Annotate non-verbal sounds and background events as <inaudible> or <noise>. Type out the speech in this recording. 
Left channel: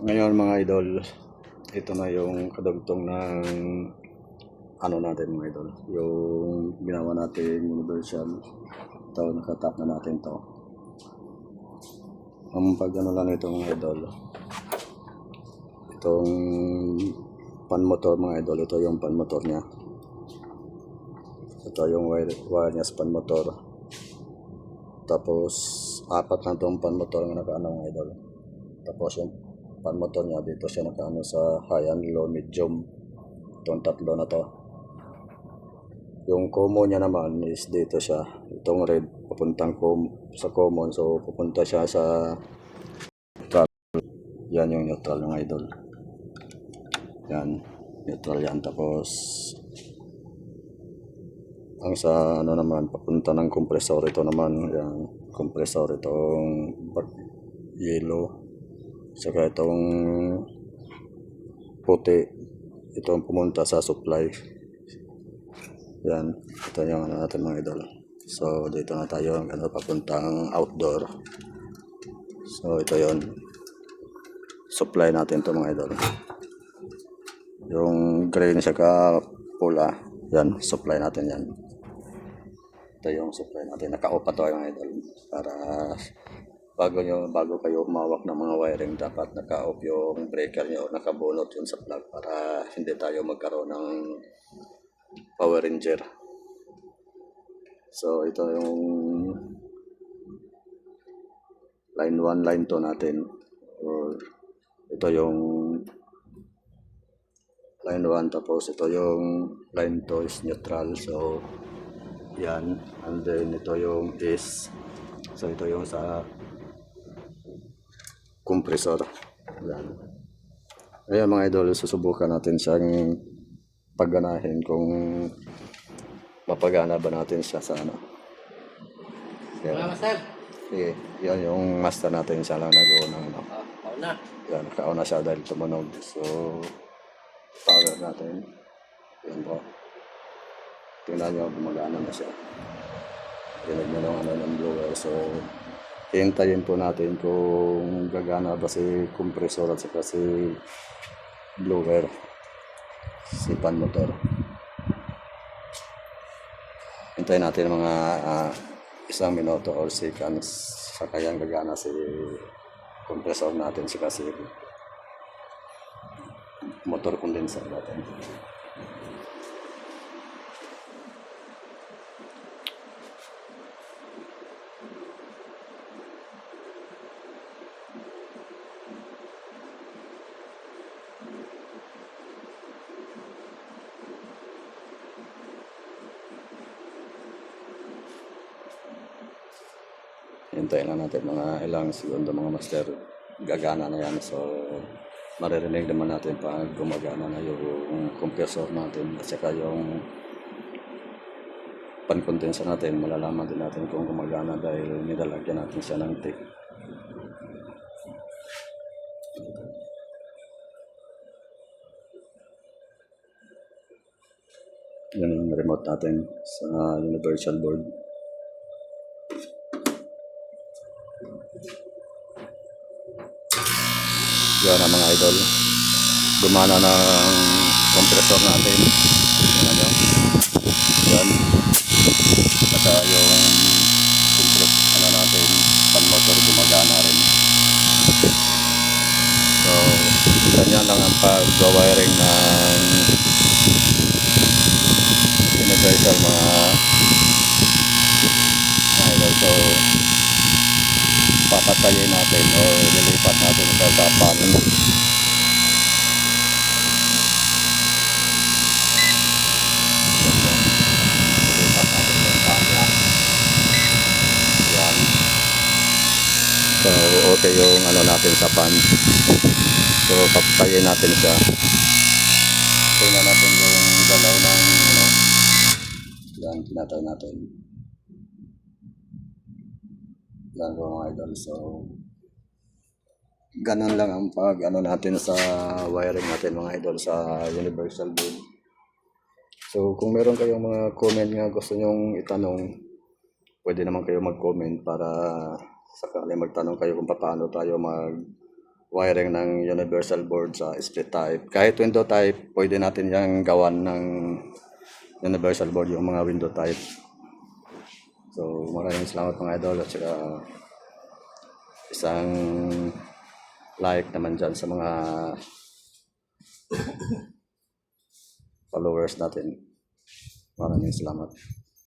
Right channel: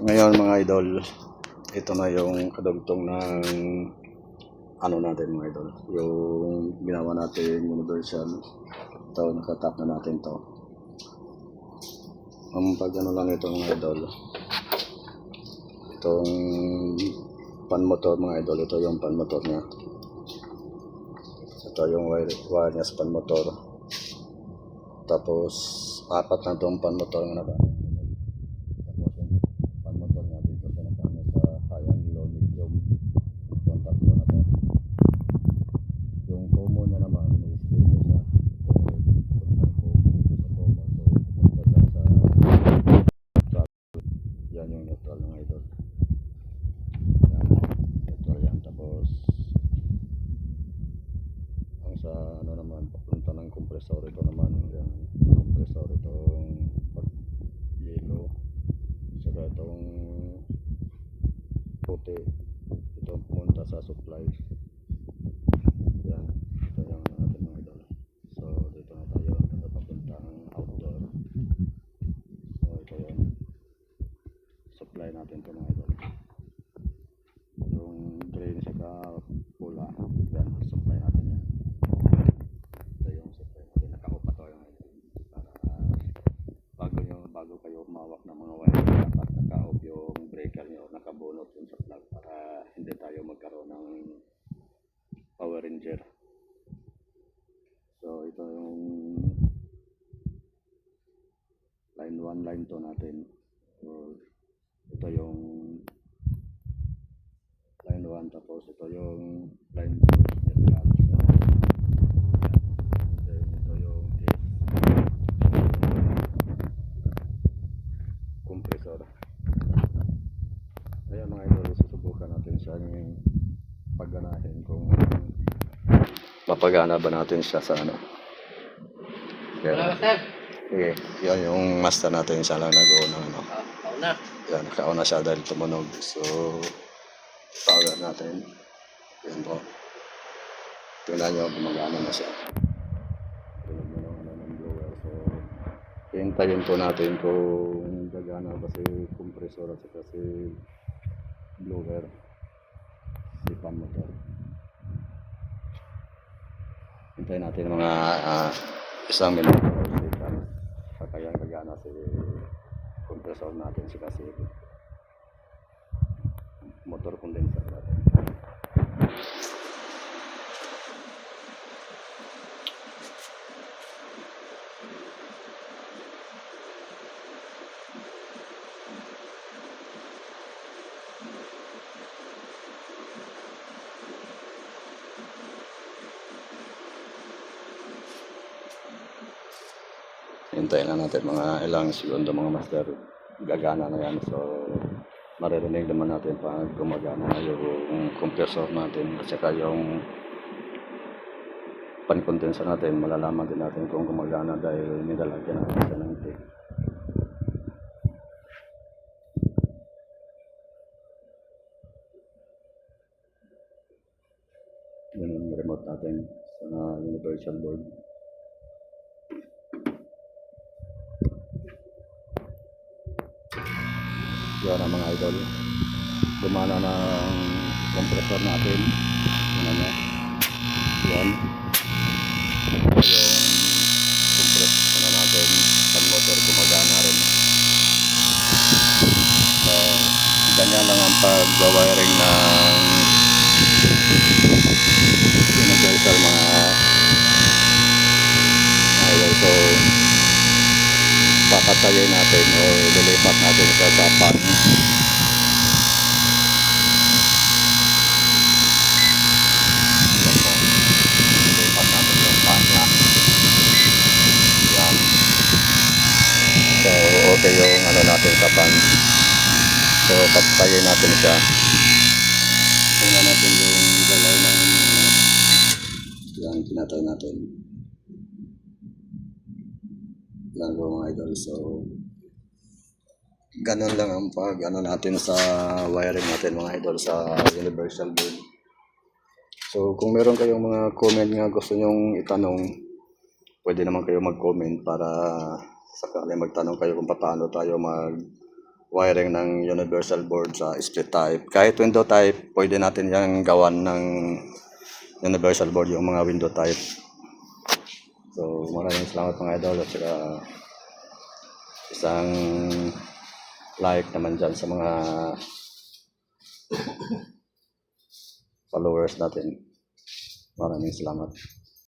Ngayon mga idol, ito na yung kadugtong ng ano natin mga idol. Yung ginawa natin universal. Ito, nakatap na natin to. Ang pag ano lang ito mga idol. Itong pan motor mga idol. Ito yung pan motor niya. Ito yung wire, wire niya sa pan motor. Tapos, apat na itong pan motor na nakaano mga idol. Tapos yung pan motor niya dito siya nakaano sa high and low medium. Itong tatlo na to. Yung common niya naman is dito siya. Itong red papuntang com sa common. So pupunta siya sa neutral. Yan yung neutral ng idol. Yan. Neutral yan. Tapos ang sa ano naman papunta ng compressor ito naman yan compressor itong yellow saka itong puti itong pumunta sa supply. Yan ito yung ano natin mga idol. So dito na tayo ano, papuntang outdoor. So ito yon supply natin to mga idol. Yung green saka pula yan supply natin yan. Ito yung supply natin. Naka-off pa to mga idol para bago nyo bago kayo humawak ng mga wiring dapat naka-off yung breaker nyo nakabunot yun sa plug para hindi tayo magkaroon ng power ranger. So ito yung line 1 line 2 natin. Or ito yung line 1 tapos ito yung line 2 is neutral. So yan. And then ito yung is so ito yung sa compressor yan ayan mga idol susubukan natin siyang pagganahin kung mapagana ba natin siya sa ano Master, sige yan yung master natin siya lang nag-uunang ano ah, ako na. yan, nakauna siya dahil tumunog. So, power natin. Yan po. Tingnan nyo, gumagana na siya. Tinig nyo ng ano ng blower. So, hintayin po natin kung gagana ba si compressor at saka si blower. Si pan motor. Hintayin natin mga ah, isang minuto or seconds sa kayang gagana si compressor natin saka si motor condenser natin. Hintayin lang natin mga ilang segundo mga master. Gagana na yan. So, maririnig naman natin pag gumagana na yung compressor natin at saka yung pan-condenser natin. Malalaman din natin kung gumagana dahil nilalagyan natin siya ng tape. Yan yung remote natin sa universal board. Yan ang mga idol. Gumana na ang compressor natin. Ano. Yan. Saka yung compress ano natin, pan motor gumagana rin. So, ganyan lang ang pag-wiring ng universal mga idol. So, papatayin natin o lilipat natin sa dapan. Lilipat natin yung pan niya. Yan. So, okay yung ano natin sa pan. So, papatayin natin siya. Tingnan natin yung galaw ng ano. Yan, tinatay natin. Yan po mga idol. So, ganun lang ang pag ano natin sa wiring natin mga idol sa universal board. So, kung meron kayong mga comment nga gusto nyong itanong, pwede naman kayo mag-comment para sakali magtanong kayo kung paano tayo mag wiring ng universal board sa split type. Kahit window type, pwede natin yung gawan ng universal board yung mga window type. So maraming salamat mga idol at saka isang like naman dyan sa mga <coughs> followers natin. Maraming salamat.